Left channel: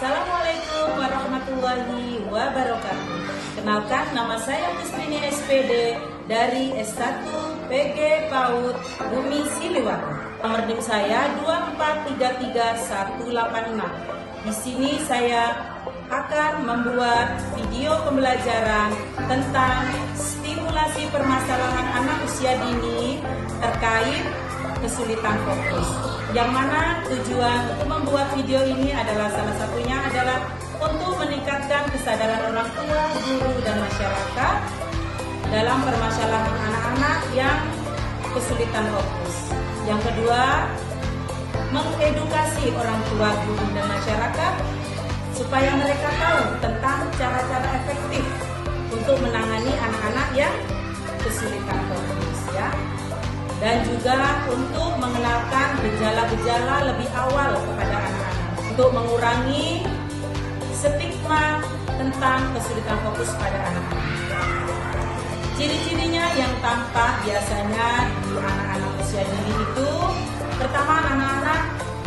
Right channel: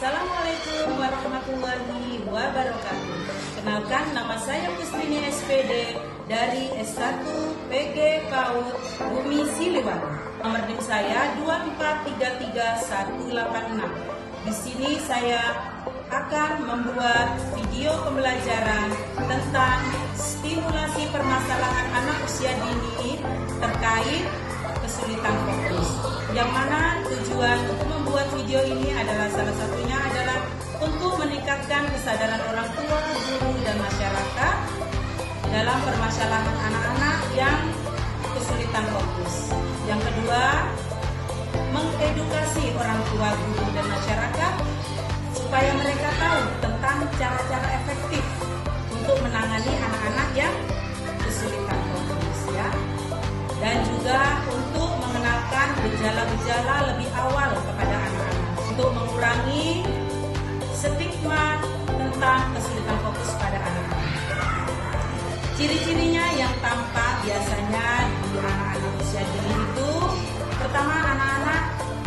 Assalamualaikum warahmatullahi wabarakatuh. Kenalkan, nama saya Muslimin SPD dari S1 PG PAUD Bumi Siliwangi. Nomor NIM saya 2433186. Di sini saya akan membuat video pembelajaran tentang stimulasi permasalahan anak usia dini terkait kesulitan fokus. Yang mana tujuan untuk membuat video ini adalah salah satunya adalah untuk meningkatkan kesadaran orang tua, guru, dan masyarakat dalam permasalahan anak-anak yang kesulitan fokus. Yang kedua, mengedukasi orang tua, guru, dan masyarakat supaya mereka tahu tentang cara-cara efektif untuk menangani anak-anak yang kesulitan fokus, ya. Dan juga untuk mengenalkan gejala-gejala lebih awal kepada anak-anak untuk mengurangi stigma tentang kesulitan fokus pada anak-anak. Ciri-cirinya yang tampak biasanya di anak-anak usia dini itu, pertama, anak-anak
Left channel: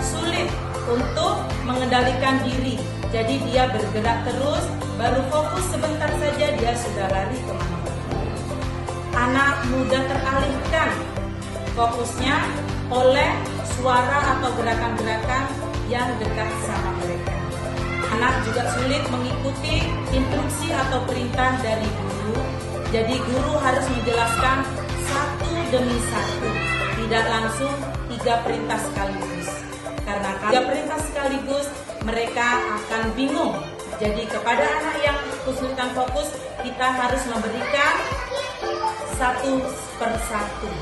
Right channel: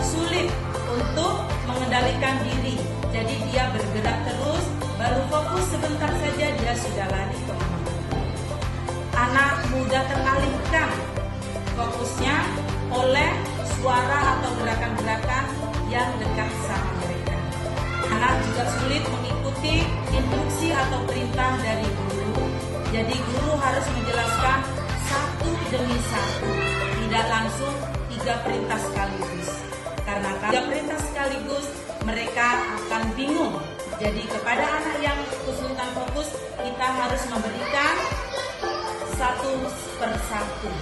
sulit untuk mengendalikan diri. Jadi dia bergerak terus, baru fokus sebentar saja dia sudah lari kemana-mana. Anak mudah teralihkan fokusnya oleh suara atau gerakan-gerakan yang dekat sama mereka. Anak juga sulit mengikuti instruksi atau perintah dari guru. Jadi guru harus menjelaskan satu demi satu, tidak langsung 3 perintah sekaligus. Karena 3 perintah sekaligus mereka akan bingung. Jadi kepada anak yang kesulitan fokus, kita harus memberikan satu persatu.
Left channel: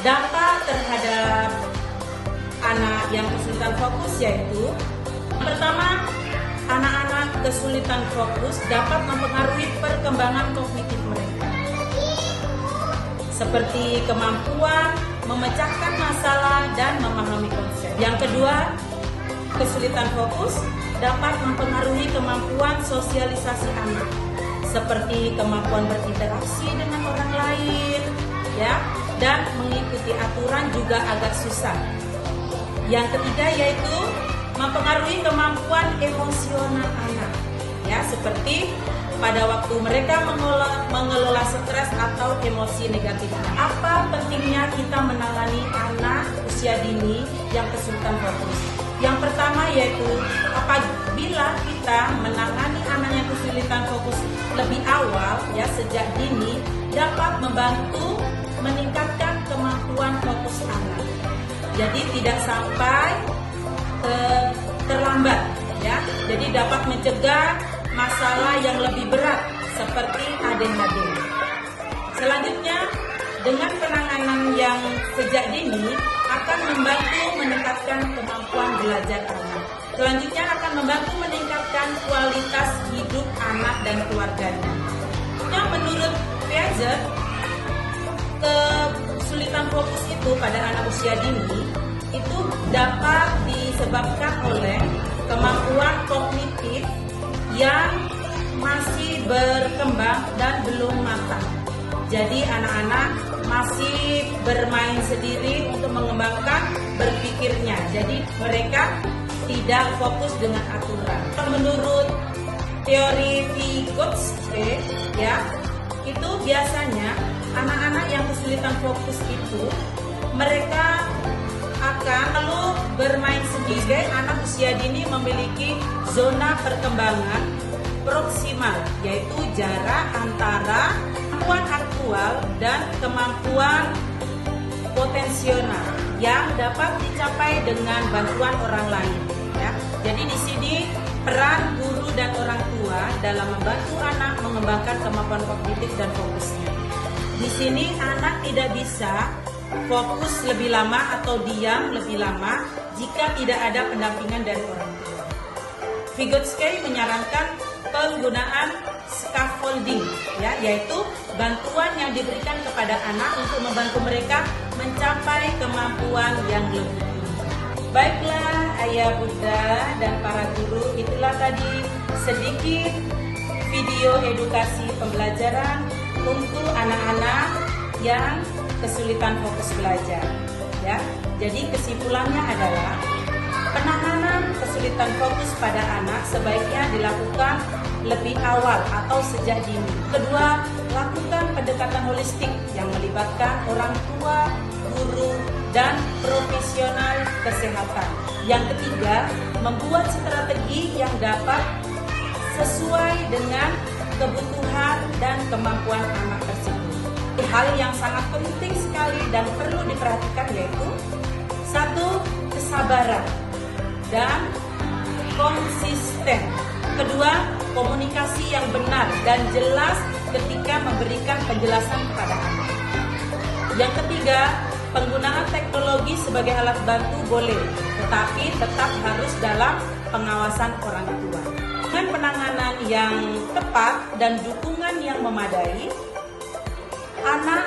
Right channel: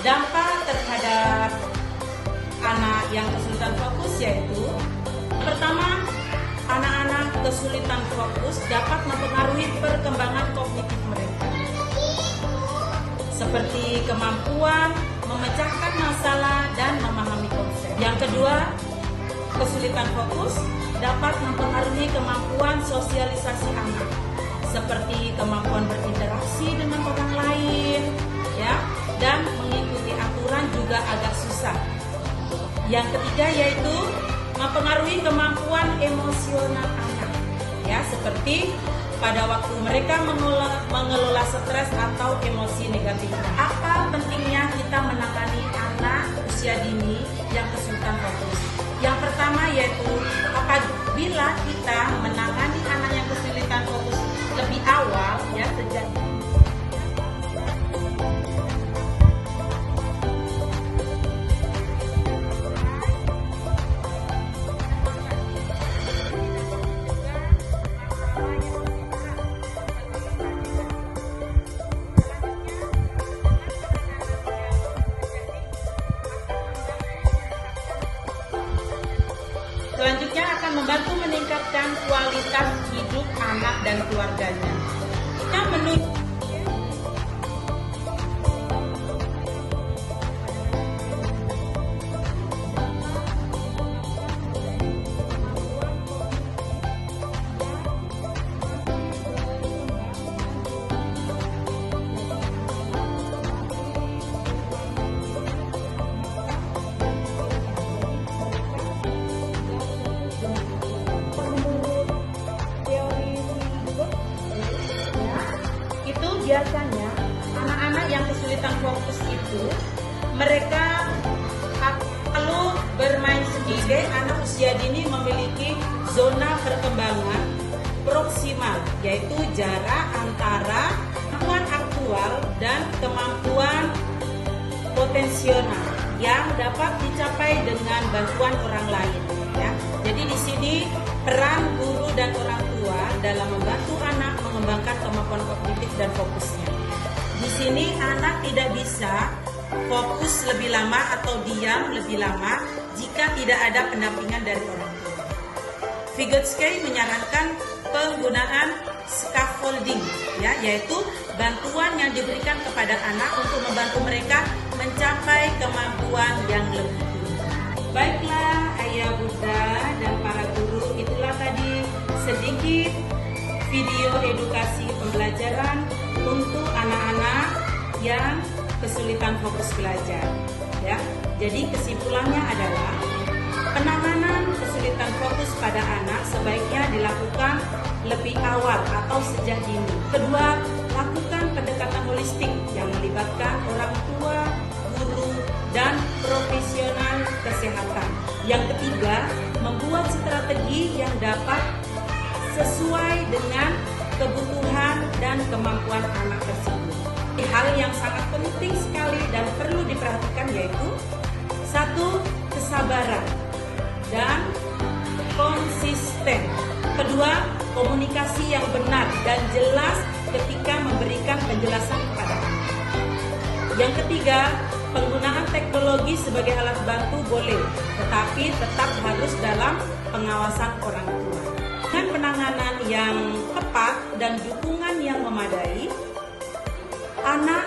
Dampak terhadap anak yang kesulitan fokus yaitu, pertama, anak-anak kesulitan fokus dapat mempengaruhi perkembangan kognitif mereka, seperti kemampuan memecahkan masalah dan memahami konsep. Yang kedua, kesulitan fokus dapat mempengaruhi kemampuan sosialisasi anak, seperti kemampuan berinteraksi dengan orang lain, ya, dan mengikuti aturan juga agak susah. Yang ketiga yaitu mempengaruhi kemampuan emosional anak, ya, seperti pada waktu mereka mengelola stres atau emosi negatifnya. Apa pentingnya kita menangani anak usia dini yang kesulitan fokus? Yang pertama yaitu apabila kita menangani anak yang kesulitan fokus lebih awal, ya, sejak dini, dapat membantu meningkatkan kemampuan fokus anak. Jadi tidak sampai terlambat, ya. Jadi dapat mencegah masalah yang lebih berat seperti ADHD. Selanjutnya, dengan penanganan yang sejak dini akan membantu meningkatkan kemampuan belajar anak. Selanjutnya akan membantu meningkatkan kualitas hidup anak dan keluarganya. Yang menurut Piaget, kesulitan fokus itu pada anak usia dini itu dapat disebabkan oleh kemampuan kognitif yang masih berkembang dan belum matang. Jadi anak-anak masih bermain sendiri untuk mengembangkan berpikirnya. Jadi mereka tidak fokus dengan aturan. Menurut teori Vygotsky, ya, itu biasanya anak-anak yang kesulitan fokus itu mereka akan lalu bermain sendiri. Anak usia dini memiliki zona perkembangan proksimal, yaitu jarak antara kemampuan aktual dan kemampuan potensial yang dapat dicapai dengan bantuan orang lain, ya. Jadi di sini peran guru dan orang tua dalam membantu anak mengembangkan kemampuan kognitif dan fokusnya. Di sini anak tidak bisa fokus lebih lama atau diam lebih lama jika tidak ada pendampingan dari orang tua. Vygotsky menyarankan penggunaan scaffolding, ya, yaitu bantuan yang diberikan kepada anak untuk membantu mereka mencapai kemampuan yang lebih tinggi. Baiklah ayah bunda dan para guru, itulah tadi sedikit video edukasi pembelajaran untuk anak-anak yang kesulitan fokus belajar, ya. Jadi kesimpulannya adalah Penanganan kesulitan fokus pada anak sebaiknya dilakukan lebih awal atau sejak dini. Kedua, lakukan pendekatan holistik yang melibatkan orang tua, guru, dan profesional kesehatan. Yang ketiga, membuat strategi yang dapat sesuai dengan kebutuhan dan kemampuan anak tersebut. Hal yang sangat penting sekali dan perlu diperhatikan yaitu satu, kesabaran dan konsisten. Kedua, komunikasi yang benar dan jelas ketika memberikan penjelasan kepada anak. Yang ketiga, penggunaan teknologi sebagai alat bantu boleh, tetapi tetap harus dalam pengawasan orang tua. Dengan penanganan yang tepat dan dukungan yang memadai, anak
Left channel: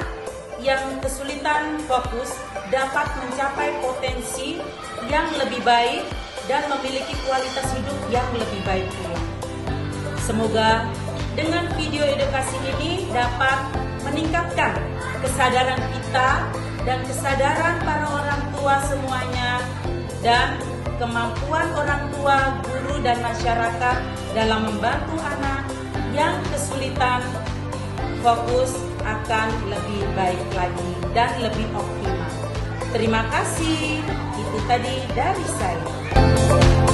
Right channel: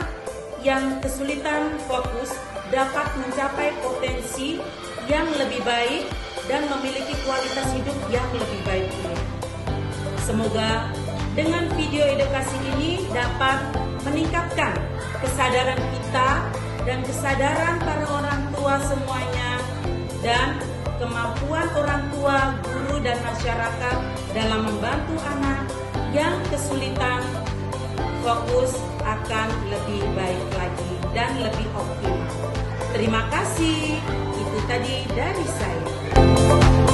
yang kesulitan fokus dapat mencapai potensi yang lebih baik dan memiliki kualitas hidup yang lebih baik pula. Semoga dengan video edukasi ini dapat meningkatkan kesadaran kita dan kesadaran para orang tua semuanya dan kemampuan orang tua, guru, dan masyarakat dalam membantu anak yang kesulitan fokus akan lebih baik lagi dan lebih optimal. Terima kasih. Itu tadi dari saya.